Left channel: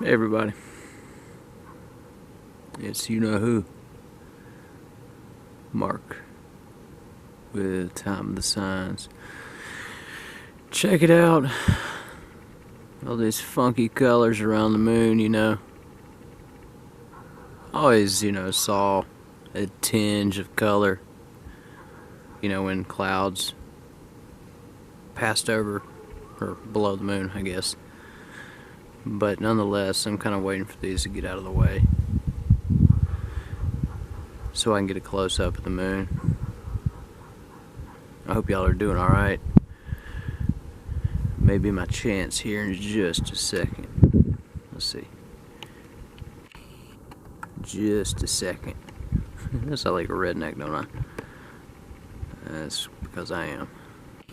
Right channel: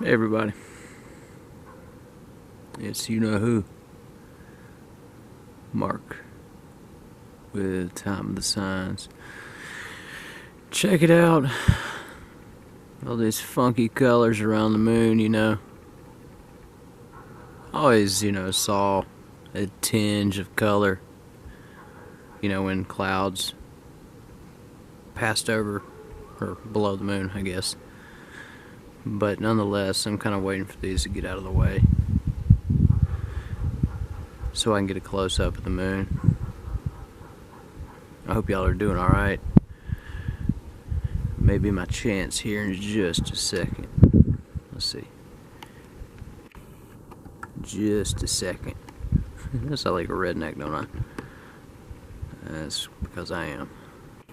Hey everybody, it's you know who, Mark, with Time of the Signs. Check it out, all these funky colors around the moon, Always, saw a tinge of color, when clouds passed over, or below the moon, I guess. But nonetheless, I'm kind of waiting for these to get out of the way so I can get a close-up of the moon. I hope y'all are doing alright. Maybe my chance here in just a second. Let's see. Just a second. I sound like a redneck, don't I? That's because I am.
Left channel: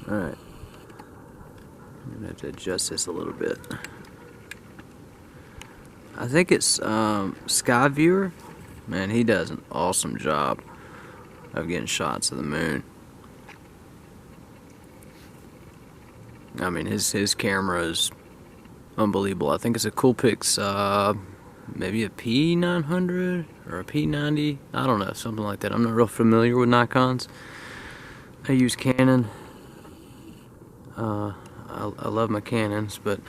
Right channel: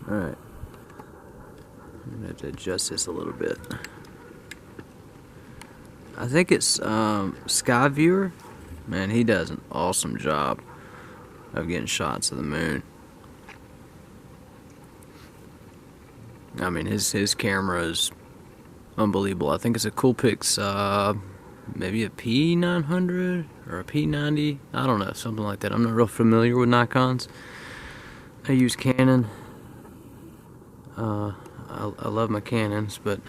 Alright. I'm gonna have to adjust this a little bit. I think it's Skyviewer. Man, he does an awesome job of getting shots of the moon. I mean, his camera is unbelievable. I think it's a Coolpix, maybe a P900 or a P90. I don't know, something like that. I'm not real familiar with Nikons. I use Canon. I love my Canons, but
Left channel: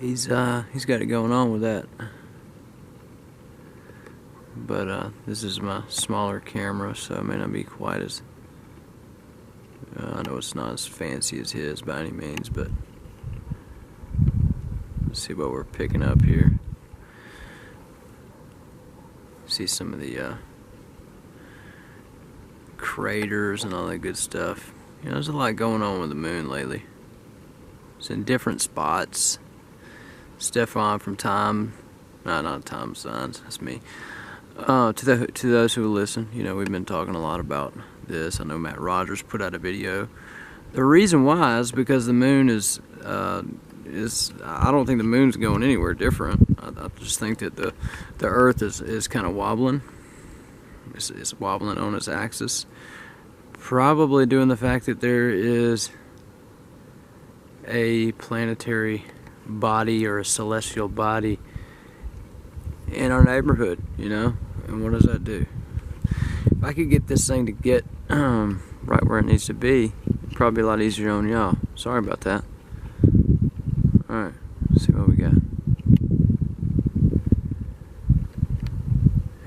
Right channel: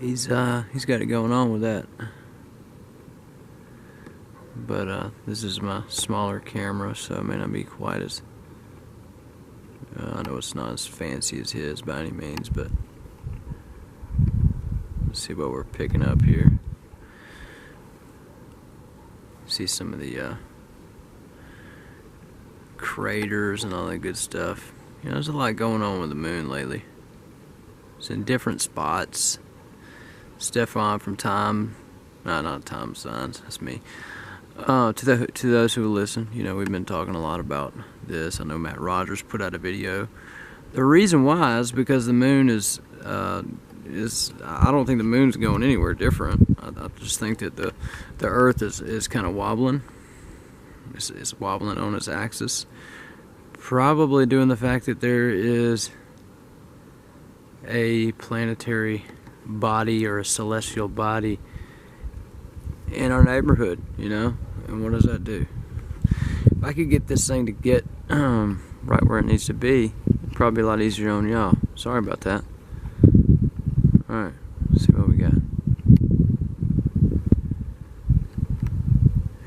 he's got it going on with that. But this is my smaller camera, so it may not be quite as I know it's not as fancy as his by any means, but let's see what we're picking up here. See some of the craters and all that good stuff. There's a lot going on with the moon lately. It's in different spots. Stefan from Time, no, not Time Signs, that's me. To those who listen, we've been talking a lot about this. I know Matt Rogers put out a video. The reason why is because the moon is I don't think the moon's going anywhere different. I just think that the Earth is kind of wobbling. It's wobbling on its axis. Probably due to the fact that there is a planetary body or a celestial body in our neighborhood, and what does that do? If I could get this thing to get right where it needs to be, it'd probably be a lot easier on y'all. Sorry about that. Alright, let's see what we got.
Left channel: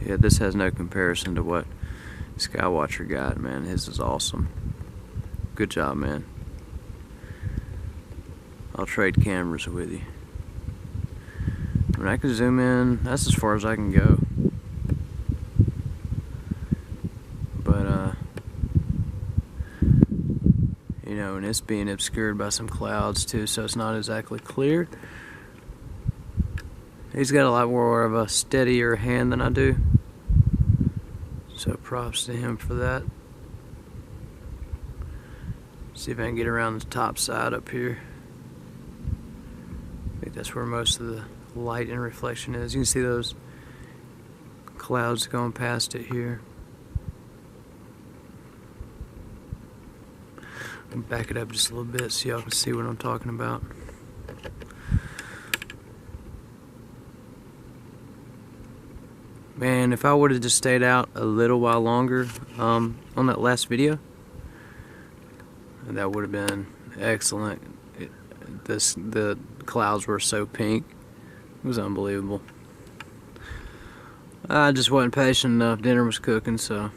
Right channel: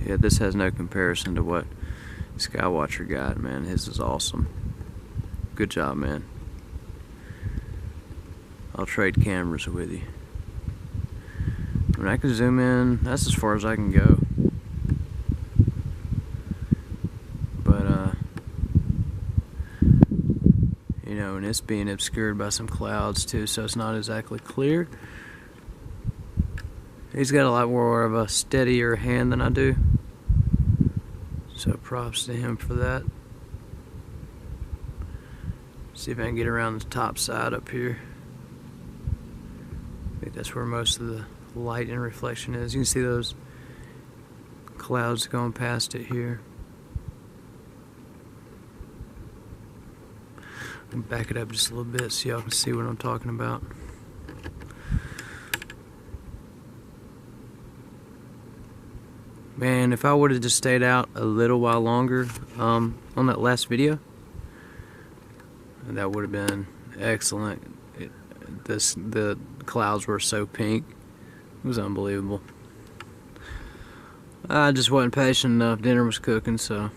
Yeah, this has no comparison to what Skywatcher got, man. His is awesome. Good job, man. I'll trade cameras with you. I mean, I can zoom in, that's as far as I can go. But, and it's being obscured by some clouds too, so it's not exactly clear. He's got a lot more of a steadier hand than I do. So props to him for that. See if I can get around the top side up here. I think that's where most of the light and reflection is. You can see those clouds going past it here. I'll back it up just a little bit so y'all can see what I'm talking about. Man, if I would have just stayed out a little while longer on that last video, that would have been excellent. The clouds were so pink. It was unbelievable. I just wasn't patient enough. Dinner was cooking, so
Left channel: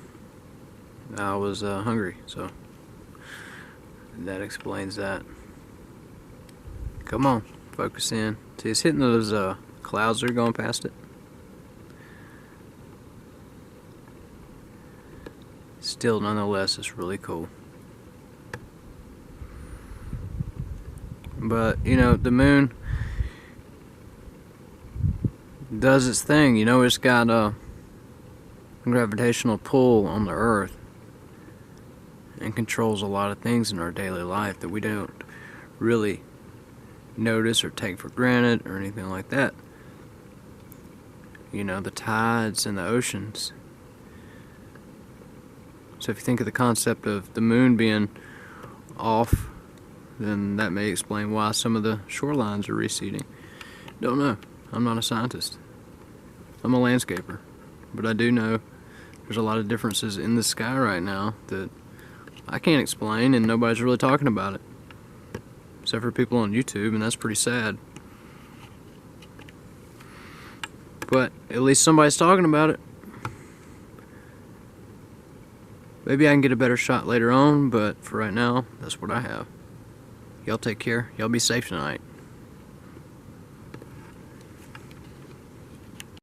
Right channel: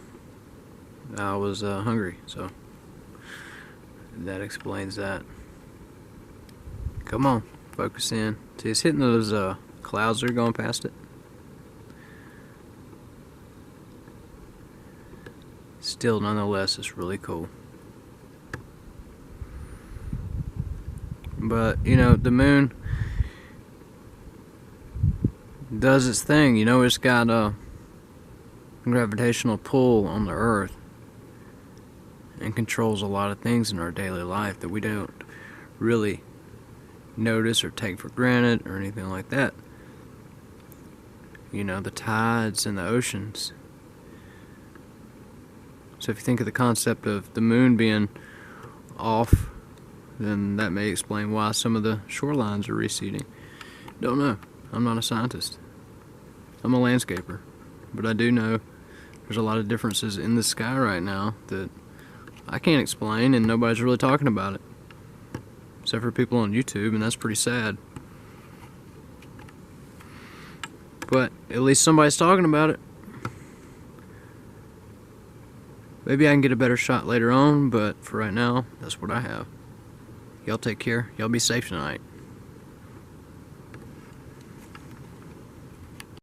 I was hungry, so that explains that. Come on, focus in. See, it's hitting those clouds that are going past it. Still, nonetheless, it's really cool. But, the moon does its thing. It's got a gravitational pull on the Earth and controls a lot of things in our daily life that we don't really notice or take for granted or anything like that. The tides and the oceans. So if you think of the concept of the moon being off, then that may explain why some of the shorelines are receding. Don't know. I'm not a scientist. I'm a landscaper. But I do know there's a lot of differences in the sky right now that I can't explain, and nobody's really talking about it. Except for people on YouTube, and that's pretty sad. But at least somebody's talking about it. Maybe I can get a better shot later on, but for right now, that's what I have. Y'all take care. Y'all be safe tonight.